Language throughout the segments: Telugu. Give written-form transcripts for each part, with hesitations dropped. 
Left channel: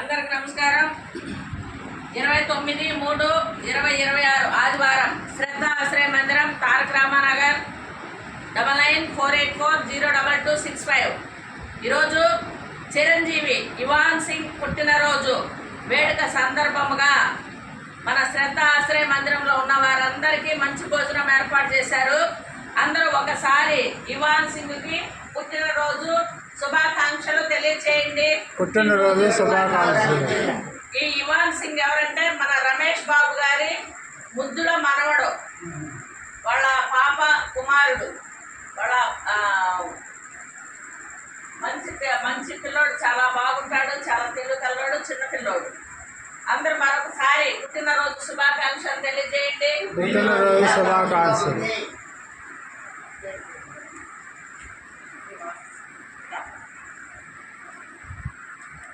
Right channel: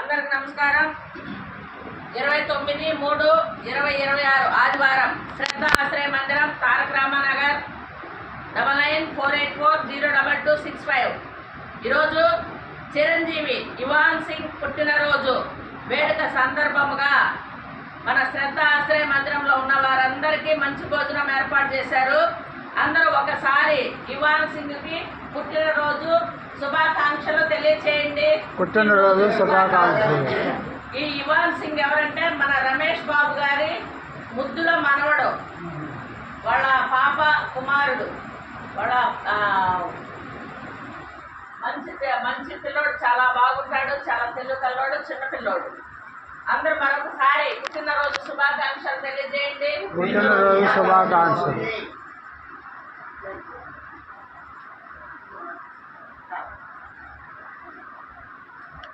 అందరికి నమస్కారం. 29/3/2026 ఆదివారం శ్రద్ధ ఆశ్రయ మందిరం, తారక రామానగర్, 9948402265. ఈరోజు చిరంజీవి ఇవాన్ సింగ్ పుట్టినరోజు వేడుక సందర్భముగా మన శ్రద్ధ ఆశ్రయ మందిరంలో ఉన్న వారందరికీ మంచి భోజనం ఏర్పాటు చేశారు. అందరూ ఒకసారి ఇవాన్ సింగ్కి పుట్టినరోజు శుభాకాంక్షలు తెలియచేయండి. పుట్టినరోజు శుభాకాంక్షలు. ఈ ఇవాన్ సింగ్ ఎవరంటే మన రమేష్ బాబు గారి ముద్దుల మనవడు, వాళ్ళ పాప కుమారుడు, వాళ్ళ మంచి పిల్లోడు, చాలా బాగుంటాడు, చాలా తెలుగు కల్లోడు, చిన్న పిల్లోడు. అందరూ మరొకసారి పుట్టినరోజు శుభాకాంక్షలు తెలియజేయండి. పుట్టినరోజు శుభాకాంక్షలు.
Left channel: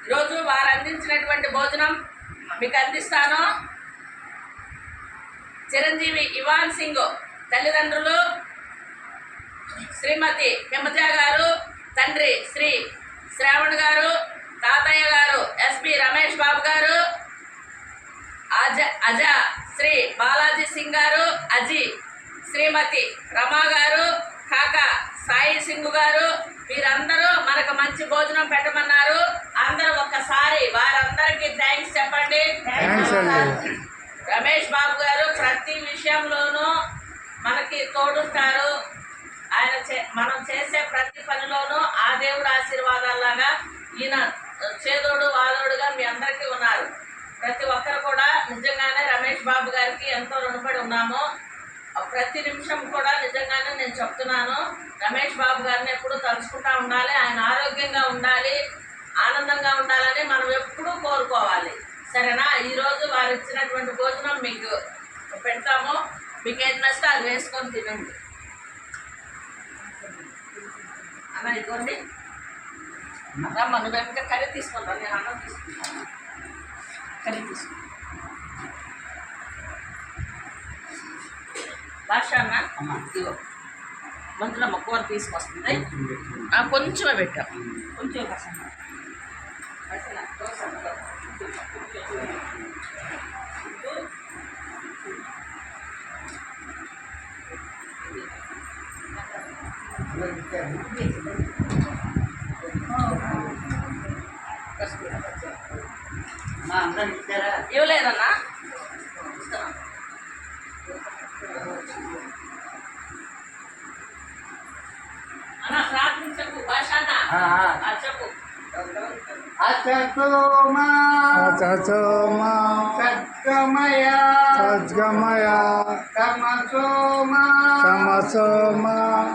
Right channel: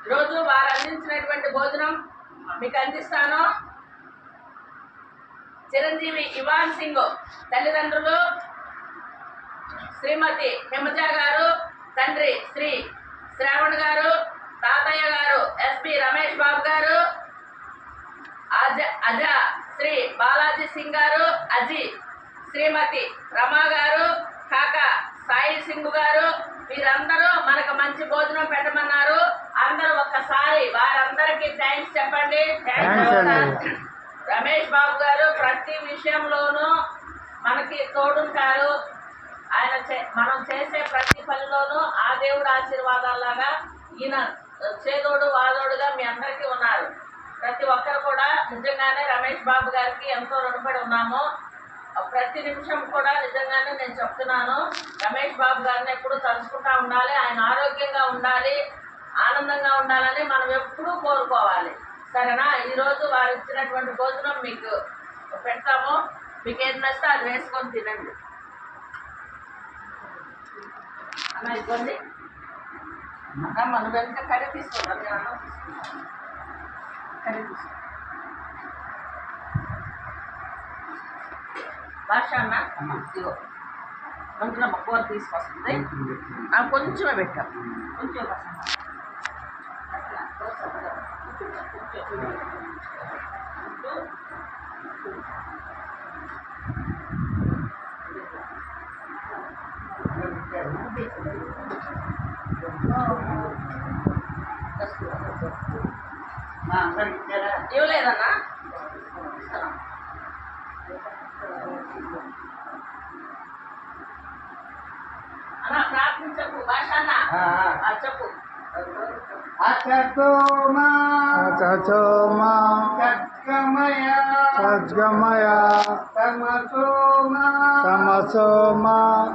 ఈరోజు వారు అందించినటువంటి భోజనం మీకు అందిస్తాను. చిరంజీవి ఇవాన్ సింగ్ తల్లిదండ్రులు శ్రీమతి హిమజ గారు, తండ్రి శ్రీ శ్రావణ్ గారు, తాతయ్య గారు ఎస్పి రమేష్ బాబు గారు, అజ శ్రీ బాలాజీ సింగ్ గారు, అజీ శ్రీమతి రమా గారు, కాకా సాయి సింగ్ గారు, వీరందరూ మనకు మంచి భోజనం పెట్టమన్నారు. అందరూ ఒక్కసారి వారందరికీ థ్యాంక్స్ చెప్పండి. రమేష్ బాబు గారు ప్రతి విషయంలోనూ మనకి తోడుంటారు. ఆయన మనం చేసే ప్రతి పనిలోనూ ఆ దేవుడు ఆశీర్వాదాలాగా ఈయన చేదోడు వాదోడుగా మీ అందరికీ ఉన్నారు. ప్రతి ఒక్కరు కూడా నిజంగానే రమేష్ బాబు గారికి ఎంతో రుణపడి ఉన్నాము. ప్రతి నిమిషం కూడా నిజంగానే నేను చెప్తున్నాను, రమేష్ బాబు గారిని ఎప్పుడూ తలుచుకుంటూ ఉండాలి. ఆయన ఆరోగ్యంగా ఉండాలి, ఆనందంగా ఉండాలని మనం ఎప్పుడూ కోరుకోవాలి. సరేనా? ఈరోజు వారు ఇచ్చినటువంటి భోజనం మీకు పెడతాము. మీకు ఏది నచ్చితే అది వేసుకొని తినండి. అన్న ఇదిగోండి. అమ్మ నువ్వు వెనక కర్రీ తీసుకుంటా, నేను అన్నం తీసుకుంటాను. కర్రీ తీసుకుంటా. భాష అన్న ఇదిగో గొంతులో కూర తీసుకొస్తుంది. కొంచెమే పెట్టాం, కొంచెం ఇవ్వలేదన్నా. అన్న ప్రార్థించకు భాష అన్న చెప్పు. సద్గమయ తమసోమ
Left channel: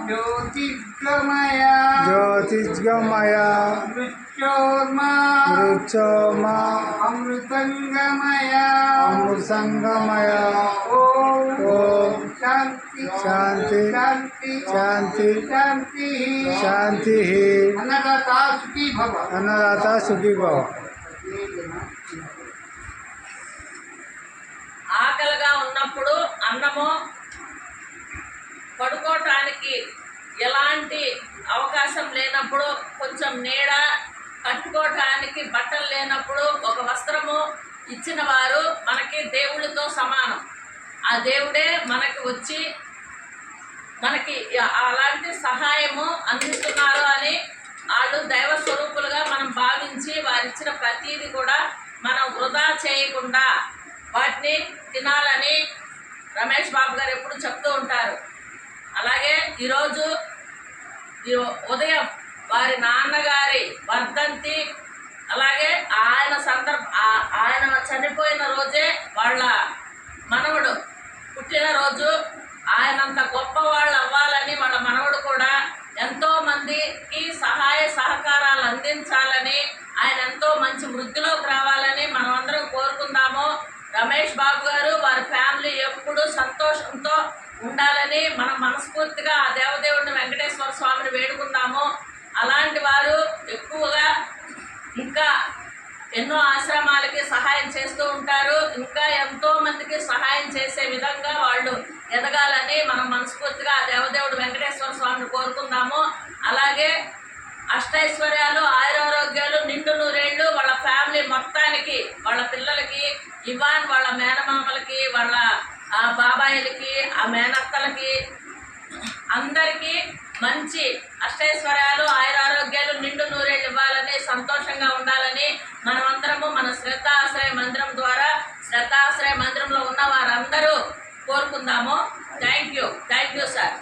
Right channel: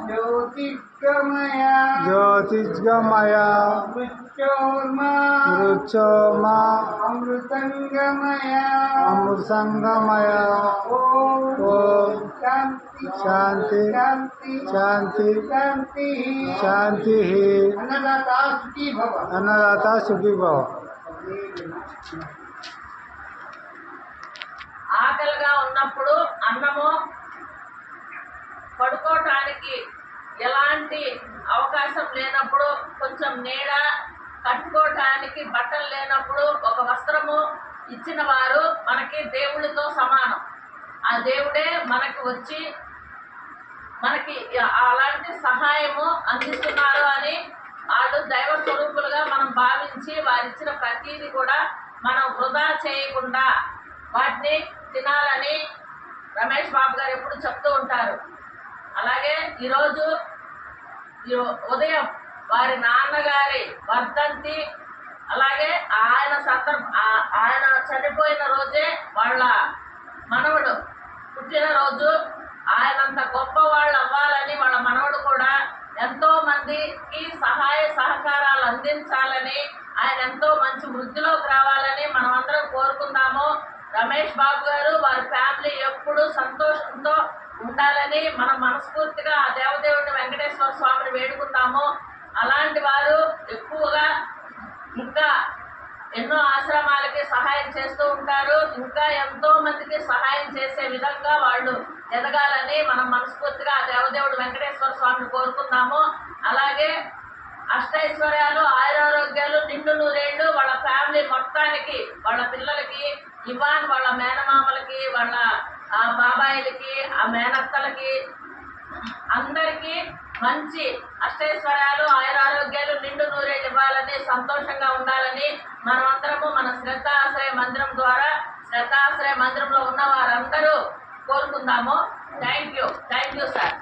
జ్యోతిర్గమయ మృత్యోర్మ అమృతంగమయ ఓం శాంతి శాంతి శాంతి. అన్నదాత సుఖీ భవ. ఆకలిగా ఉన్నప్పుడు అన్నము, పడుకోవటానికి ఎలాంటి అవకాశం లేనప్పుడు కొంచెం నీడ, కట్టుకోవటానికి బట్టలు లేనప్పుడు ఒక వస్త్రము ఇచ్చిన వారు మనకి దేవుళ్ళతో సమానం. ఆ దేవుడే మనకి వచ్చి మనకి అలాంటి సహాయము అందిస్తున్నారు అని వాళ్ళు దైవ స్వరూపులుగా మనం భావించి వారిచ్చిన ప్రతీది కూడా మనం వృధా చేయకుండా వాటిని తినాలని రమేష్ బాబు గారు ఎప్పుడు చెప్తూ ఉంటారు. అలాగే ఈరోజు ఉదయం వారి నాన్నగారి వర్ధంతి, అలాగే ఆయన చనిపోయిన రోజే వాళ్ళ మనవడు పుట్టినరోజు. ఆయనంత గొప్ప వాళ్ళు అవ్వాలని వాళ్ళ మనవడు కూడా ఎంతోమందికి సహాయ సహకారాలు అందించాలని, ఆయన ఎంతో మంచి వృద్ధిలోకి రావాలని మనమందరం కోరుకుందాము. రమేష్ బాబు గారు వారి ఫ్యామిలీ ఎప్పుడూ సంతోషంతో ఉండాలని మనం మనస్ఫూర్తిగా ఆ దేవదేవుడిని వెంకటేశ్వర స్వామిని వేడుకుందాము. అలాంటి వారు ఎక్కువగా ఇంకా ఎన్నో ఆశ్రమాలకి సహాయం చేస్తూ ఉంటారు. ఇంకా ఎంతో మందికి సహాయం చేసే విధంగా వాళ్ళు ఎదగాలని మనం మనస్ఫూర్తిగా ఆ దేవదేవుడు వెంకటేశ్వర స్వామిని కోరుకుందాము. అలాగే అష్టైశ్వర్యాలు, ఆయురారోగ్యాలు, నిండు నూరేళ్లు వాళ్ళ ఫ్యామిలీ మొత్తానికి కుటుంబానికి, వాళ్ళ పిల్లలకి, ఇవాన్ వాళ్ళ మేనమామలకి, వాళ్ళ బాబాయిలకి, ఆ మేనత్తలకి, అందరికీ మంచి అష్టైశ్వర్యాలు, ఆయురారోగ్యాలు, నిండు నూరేళ్ళు ఇవ్వాలని, సంతోషంగా ఉండాలని మనమందరము మన శ్రద్ధాశ్రయ మందిరం ద్వారా, శ్రద్ధాశ్రయ మందిరంలో ఉన్న వారందరూ కోరుకుందాము. Thank you sir.